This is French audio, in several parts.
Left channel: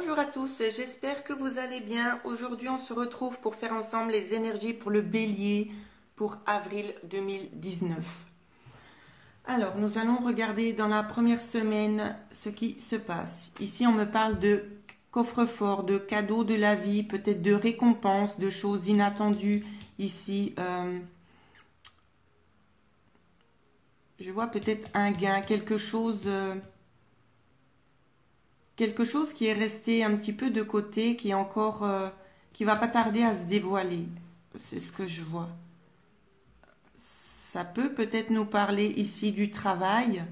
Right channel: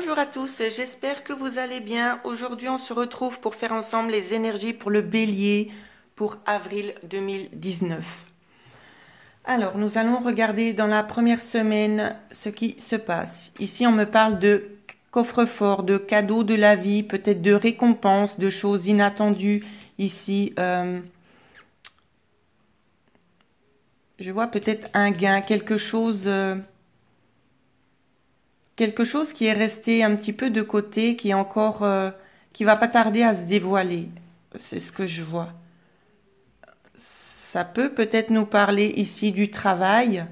Bonjour à tous, j'espère que vous allez bien. Aujourd'hui, on se retrouve pour faire ensemble les énergies pour le bélier pour avril 2019. Alors, nous allons regarder dans la première semaine ce qui se passe. Ici, on me parle de coffre-fort, de cadeaux de la vie, peut-être de récompenses, de choses inattendues. Ici, je vois peut-être un gain, quelque chose qui est resté un petit peu de côté, qui est encore, qui va pas tarder à se dévoiler. C'est ce que je vois. Ça peut peut-être nous parler ici du travail,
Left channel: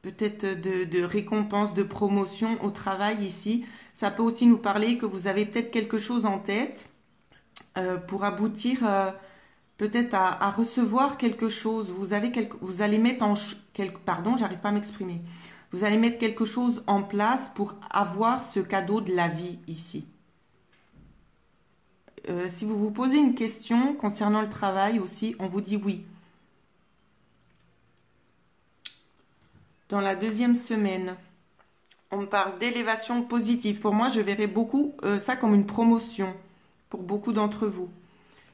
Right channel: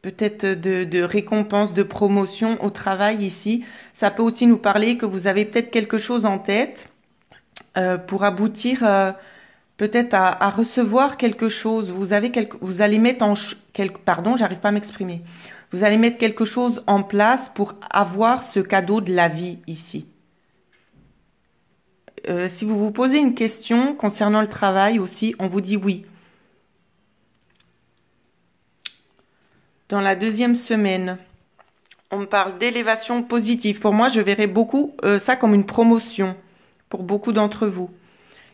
peut-être de récompense, de promotion au travail ici. Ça peut aussi nous parler que vous avez peut-être quelque chose en tête pour aboutir peut-être à recevoir quelque chose. Vous allez mettre pardon, j'arrive pas à m'exprimer. Vous allez mettre quelque chose en place pour avoir ce cadeau de la vie ici. Si vous vous posez une question concernant le travail aussi, on vous dit oui. Dans la deuxième semaine, on me parle d'élévation positive. Pour moi, je verrais beaucoup ça comme une promotion pour beaucoup d'entre vous.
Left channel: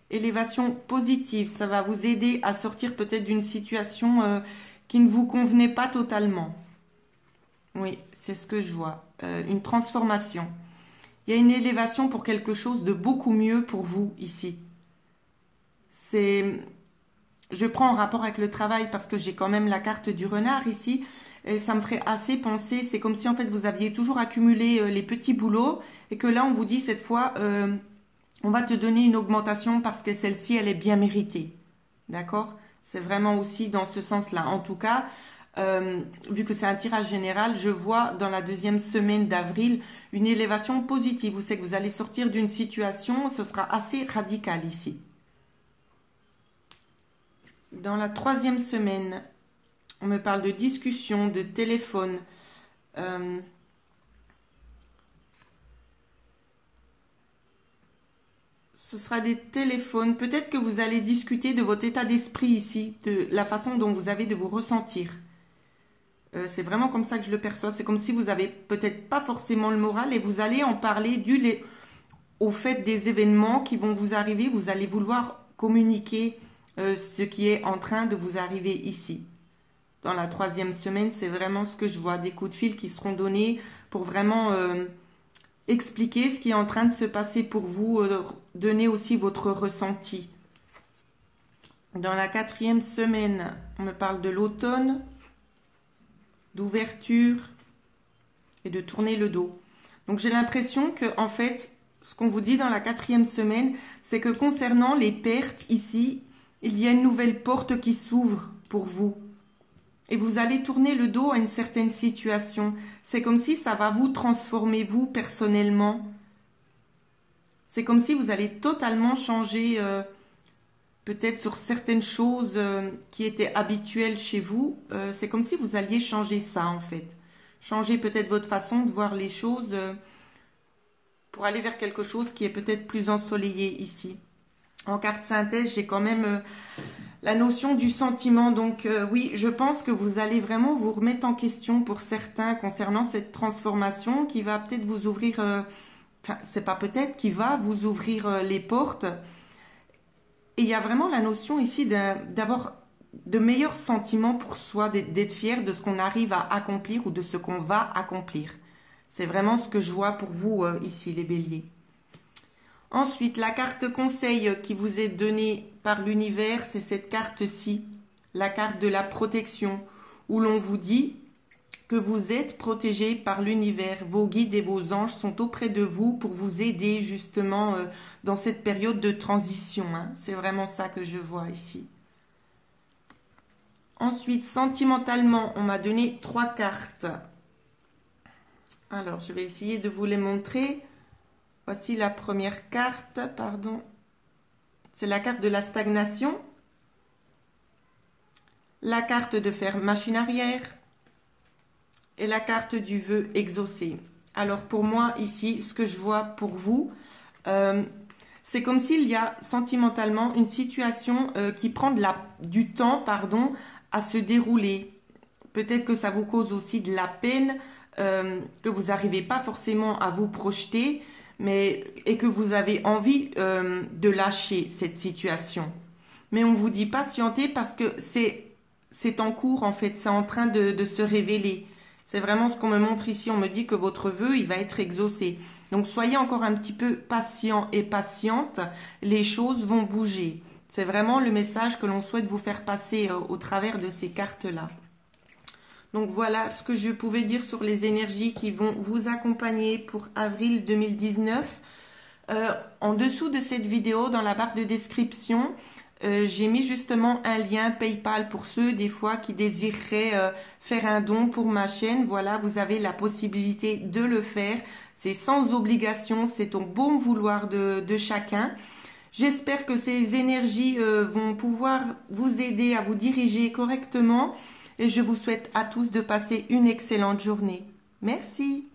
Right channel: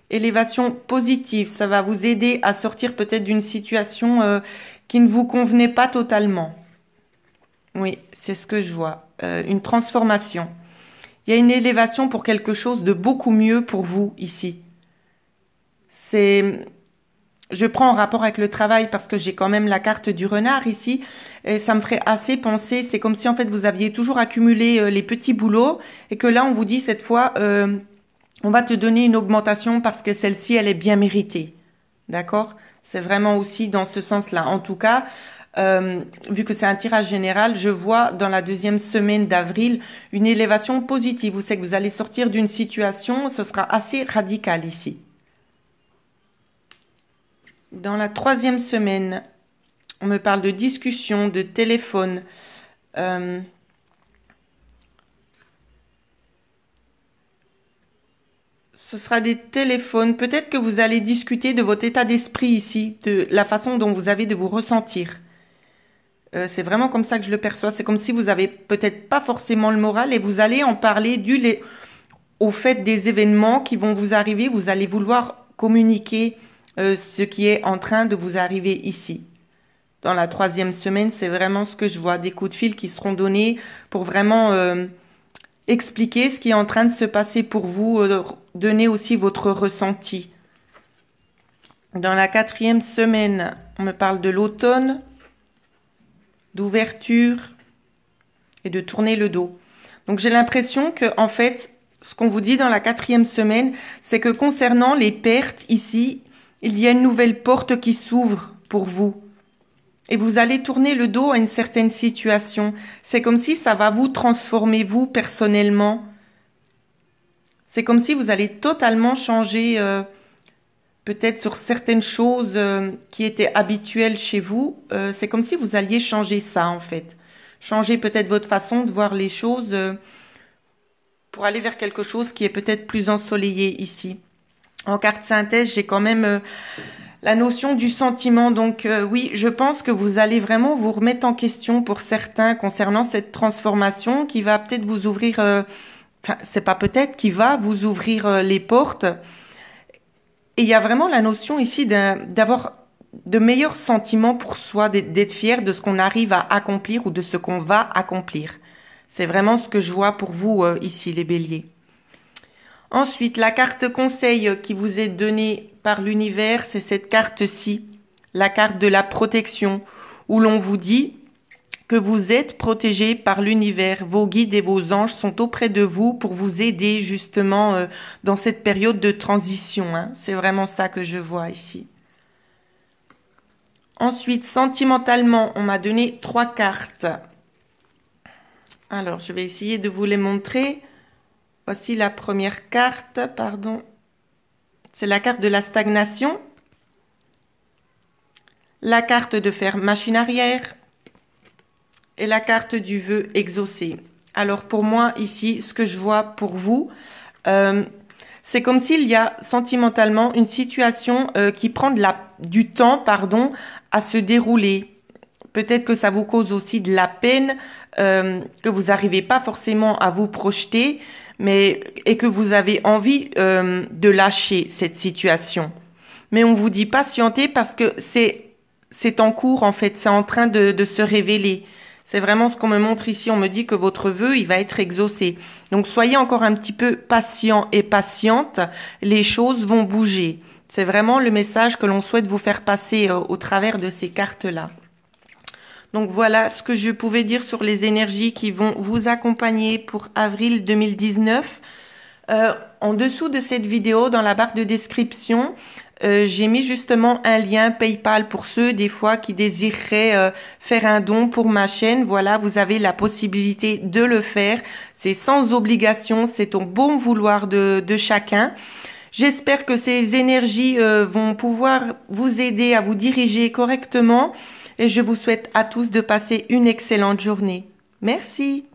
Élévation positive, ça va vous aider à sortir peut-être d'une situation qui ne vous convenait pas totalement. Oui, c'est ce que je vois. Une transformation. Il y a une élévation pour quelque chose de beaucoup mieux pour vous ici. Je prends en rapport avec le travail parce que j'ai quand même la carte du renard ici. Et ça me ferait assez penser, c'est comme si en fait vous aviez toujours accumulé les petits boulots et que là on vous dit cette fois, on va te donner une augmentation parce que celle-ci, elle est bien méritée. D'accord? C'est vraiment aussi dans ce sens-là. En tout cas, vu que c'est un tirage général, je vois dans la deuxième semaine d'avril une élévation positive. Vous savez que vous allez sortir d'une situation, ce sera assez radical ici. Dans la troisième semaine, on me parle de discussion, de téléphone. Euh, Ce sera des téléphones. Peut-être que vous allez discuter de votre état d'esprit ici, de la façon dont vous avez de vous ressentir. C'est vraiment comme ça que je le perçois. C'est comme si vous avez peut-être pas forcément le moral et vous allez en parler au fait des événements qui vont vous arriver. Vous allez vouloir communiquer ce qui est en train de vous arriver ici. Dans la troisième semaine, c'est vraiment ce que je vois, des coups de fil qui seront donnés pour vraiment expliquer ce qui est en train de se passer pour vous, donner aussi votre ressenti. Dans la quatrième semaine, on me parle de l'automne, d'ouverture et de tourner le dos. Donc j'ai l'impression que en fait, ce qu'on vous dit dans la quatrième semaine, c'est que concernant les pertes ici, il y a une nouvelle porte qui s'ouvre pour vous. Et vous allez tourner le dos à une certaine situation. C'est comme si ça va vous transformer, vous, personnellement. C'est comme si vous allez totalement changer, peut-être sur certaines choses qui étaient habituelles chez vous. C'est comme si vous alliez changer ça, en fait. Changer peut-être votre façon de voir les choses pour aller vers quelque chose qui est peut-être plus ensoleillé ici. En carte synthèse, j'ai quand même la notion du sentiment. Donc oui, je pense que vous allez vraiment vous remettre en question pour certains concernant cette transformation qui va peut-être vous ouvrir, enfin c'est pas peut-être, qui va vous ouvrir les portes. Et il y a vraiment la notion ici d'avoir de meilleurs sentiments pour soi, d'être fier de ce qu'on arrive à accomplir ou de ce qu'on va accomplir. C'est vraiment ce que je vois pour vous ici, les béliers. Ensuite, la carte conseil qui vous est donnée par l'univers, c'est cette carte-ci, la carte de la protection, où l'on vous dit que vous êtes protégé par l'univers. Vos guides et vos anges sont auprès de vous pour vous aider justement dans cette période de transition. Hein. C'est vraiment ça que je vois ici. Ensuite, sentimentalement, on m'a donné 3 cartes. Alors, je vais essayer de vous les montrer. Voici la première carte, pardon. C'est la carte de la stagnation. La carte de faire machine arrière. Et la carte du vœu exaucé. Alors pour moi, ici, ce que je vois pour vous, c'est comme s'il y a sentimentalement une situation qui prend du temps, pardon, à se dérouler. Peut-être que ça vous cause aussi de la peine, que vous n'arrivez pas forcément à vous projeter, et que vous avez envie de lâcher cette situation. Mais on vous dit patientez parce que c'est en cours en fait, c'est en train de se révéler. C'est vraiment ce qu'on me montre ici. On me dit que votre vœu, il va être exaucé. Donc soyez encore un petit peu patient et patiente. Les choses vont bouger. C'est vraiment le message que l'on souhaite vous faire passer au travers de ces cartes-là. Donc voilà ce que je pouvais dire sur les énergies qui vont vous accompagner pour avril 2019. En dessous de cette vidéo, dans la barre de description, j'ai mis justement un lien PayPal pour ceux des fois qui désireraient faire un don pour ma chaîne. Voilà, vous avez la possibilité de le faire. C'est sans obligation, c'est au bon vouloir de chacun. J'espère que ces énergies vont pouvoir vous aider à vous diriger correctement et je vous souhaite à tous de passer une excellente journée. Merci.